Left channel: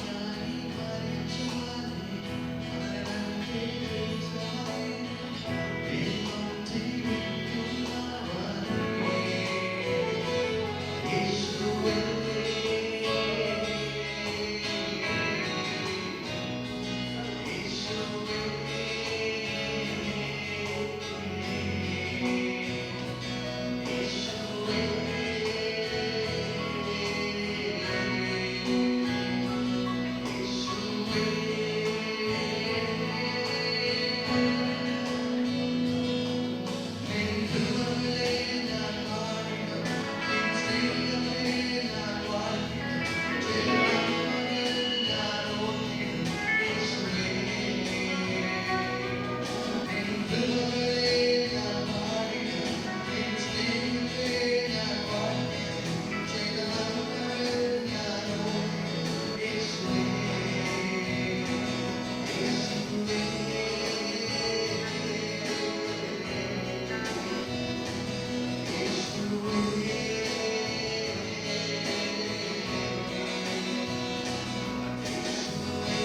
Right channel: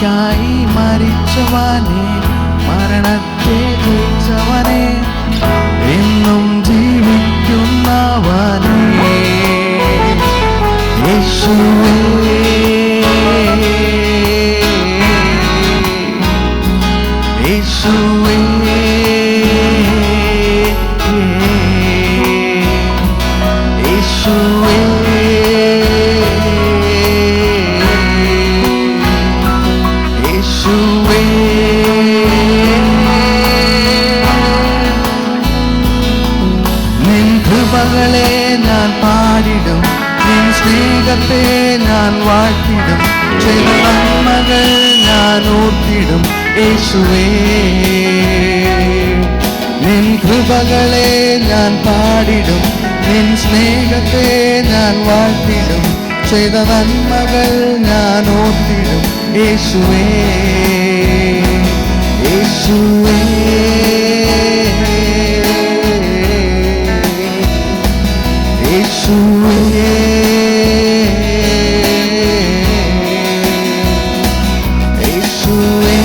എനിക്കായി മരിച്ചവനെ, മരണത്തെ ജയിച്ചവനെ, എന്നും ജീവിക്കുന്നവനെ, യേശുവേ യേശുവേ യേശുവേ യേശുവേ നിൻ കൃപകളെ ഞാൻ പാടിടും, നിൻ സ്നേഹത്തെ ഞാൻ വാഴ്ത്തിടും, ചെയ്ത നന്മകൾ ഞാൻ ഓർത്തിടും യേശുവേ. നിൻ കൃപകളെ ഞാൻ പാടിടും, നിൻ സ്നേഹത്തെ ഞാൻ വാഴ്ത്തിടും, ചെയ്ത നന്മകൾ ഞാൻ ഓർത്തിടും യേശുവേ യേശുവേ യേശുവേ യേശുവേ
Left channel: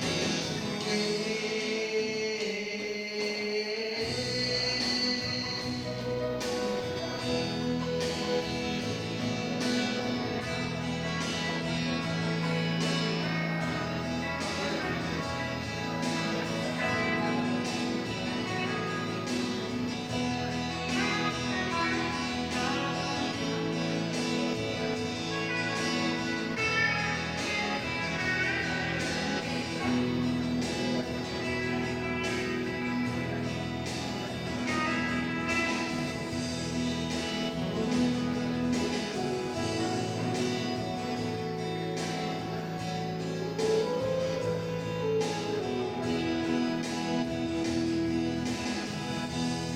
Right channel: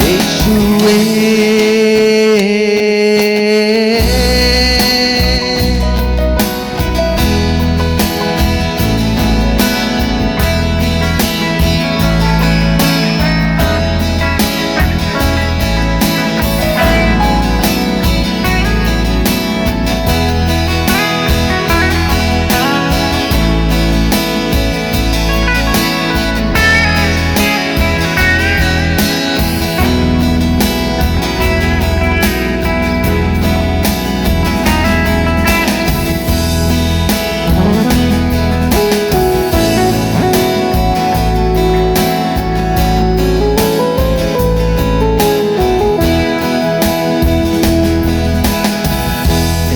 യേശുവേ.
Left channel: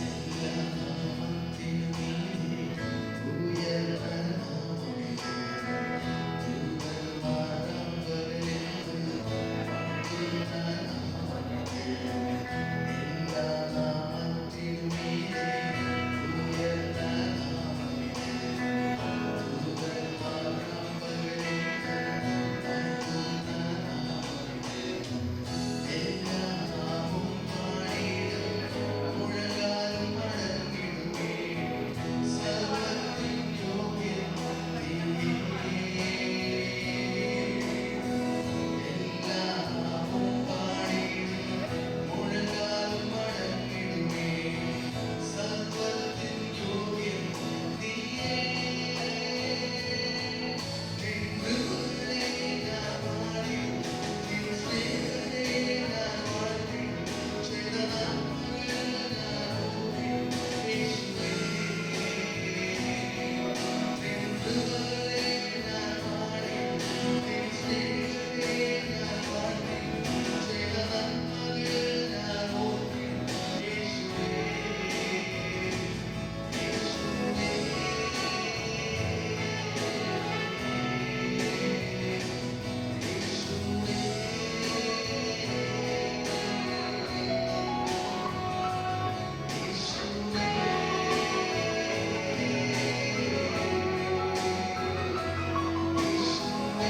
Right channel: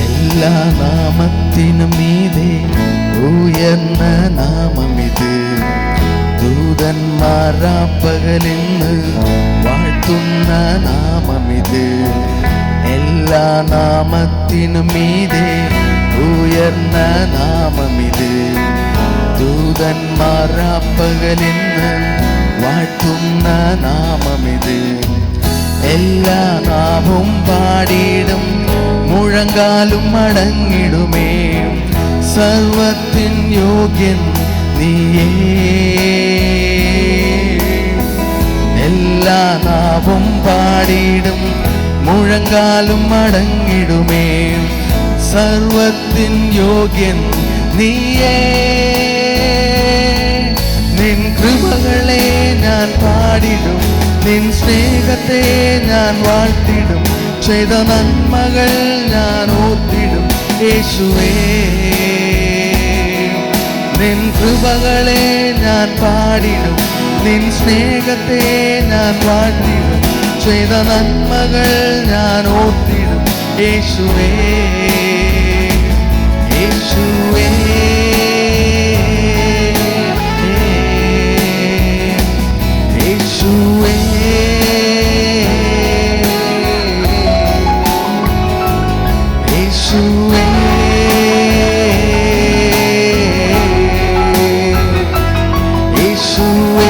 എല്ലാ നാമത്തിനും മീതെ ഉയർന്ന നാമമിത്, ദൂതന്മാരാപ്പകലിന്ന് വാഴ്ത്തുന്ന നാമമിത്. എല്ലാ നാമത്തിനും മീതെ ഉയർന്ന നാമമിത്, ദൂതന്മാരാപ്പകലിന്ന് വാഴ്ത്തുന്ന നാമമിത്. എല്ലാ നാമവും പാടിയിടും, മുഴങ്കാലും മടങ്ങിടുമേ, സർവത്തിൻ യോഗ്യൻ നീയേ. എല്ലാ നാവും പാടിയിടും, മുഴങ്കാലും മടങ്ങിടുമേ, സർവത്തിൻ യോഗ്യൻ നീയേ. നിൻ കൃപകളെ ഞാൻ പാടിടും, നിൻ സ്നേഹത്തെ ഞാൻ വാഴ്ത്തിടും, ചെയ്ത നന്മകൾ ഞാൻ ഓർത്തിടും യേശുവേ. നിൻ കൃപകളെ ഞാൻ പാടിടും, നിൻ സ്നേഹത്തെ ഞാൻ വാഴ്ത്തിടും, ചെയ്ത നന്മകൾ ഞാൻ ഓർത്തിടും യേശുവേ യേശുവേ യേശുവേ യേശുവേ യേശുവേ.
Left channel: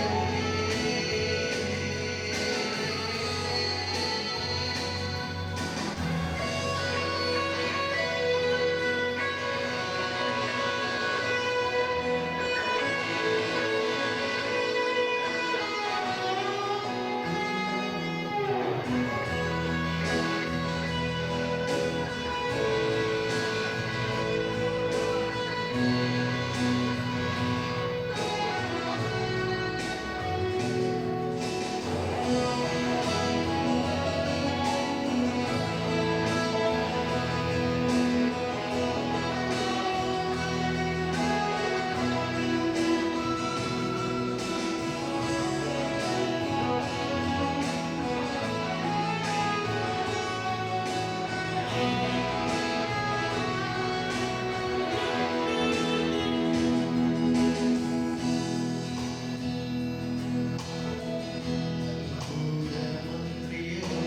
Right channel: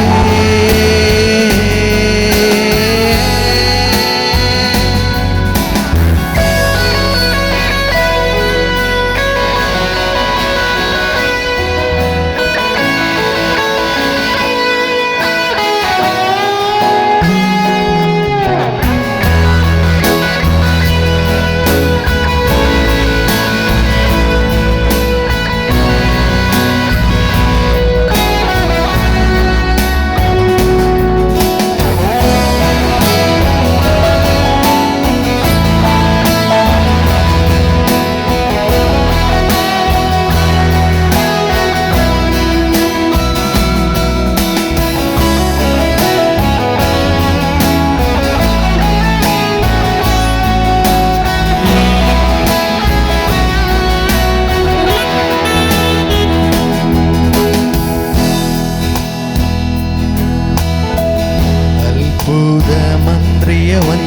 അത്ഭുതമന്ത്രിയവൻ,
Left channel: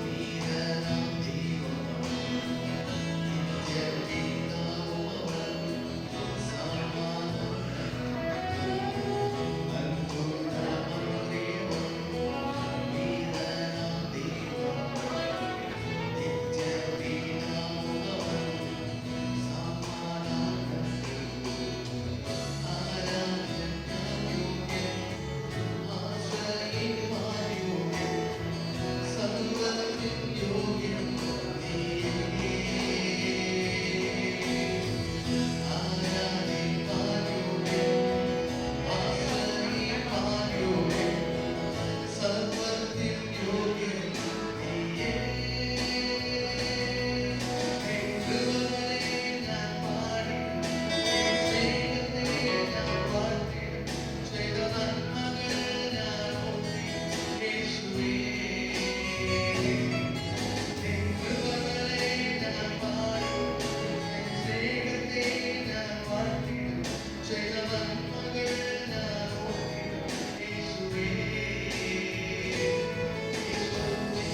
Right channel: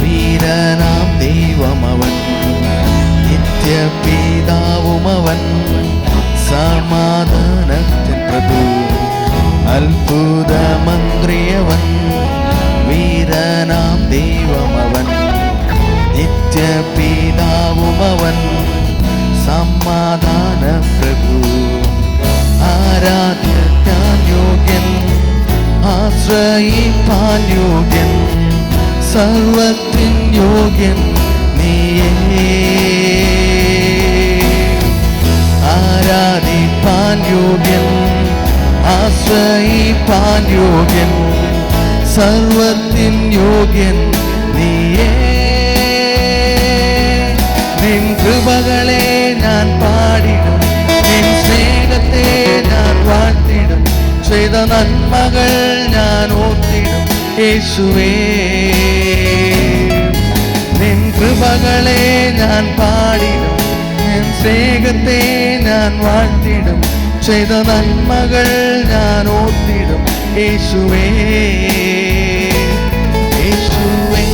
വീരനാം ദൈവമവൻ, നിത്യപിതാവുമവൻ, സമാധാനത്തിൻ പ്രഭു, അത്ഭുത മന്ത്രിയവൻ, വീരനാം ദൈവമവൻ, നിത്യപിതാവുമവൻ, സമാധാന പ്രഭു. ആരാധ്യൻ യോഗ്യൻ, ആശ്രയിപ്പാൻ യോഗ്യൻ, സർവത്തിൻ യോഗ്യൻ നീയേ. ആരാധിപ്പാൻ യോഗ്യൻ, ആശ്രയിപ്പാൻ യോഗ്യൻ, സർവത്തിൻ യോഗ്യൻ നീയേ. നിൻ കൃപകളെ ഞാൻ പാടിടും, നിൻ സ്നേഹത്തെ ഞാൻ വാഴ്ത്തിടും, ചെയ്ത നന്മകൾ ഞാൻ ഓർത്തിടും യേശുവേ. നിൻ കൃപകളെ ഞാൻ പാടിടും, നിൻ സ്നേഹത്തെ ഞാൻ വാഴ്ത്തിടും, ചെയ്ത നന്മകൾ ഞാൻ ഓർത്തിടും യേശുവേ. യേശുവേ,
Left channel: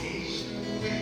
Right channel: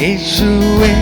യേശുവേ,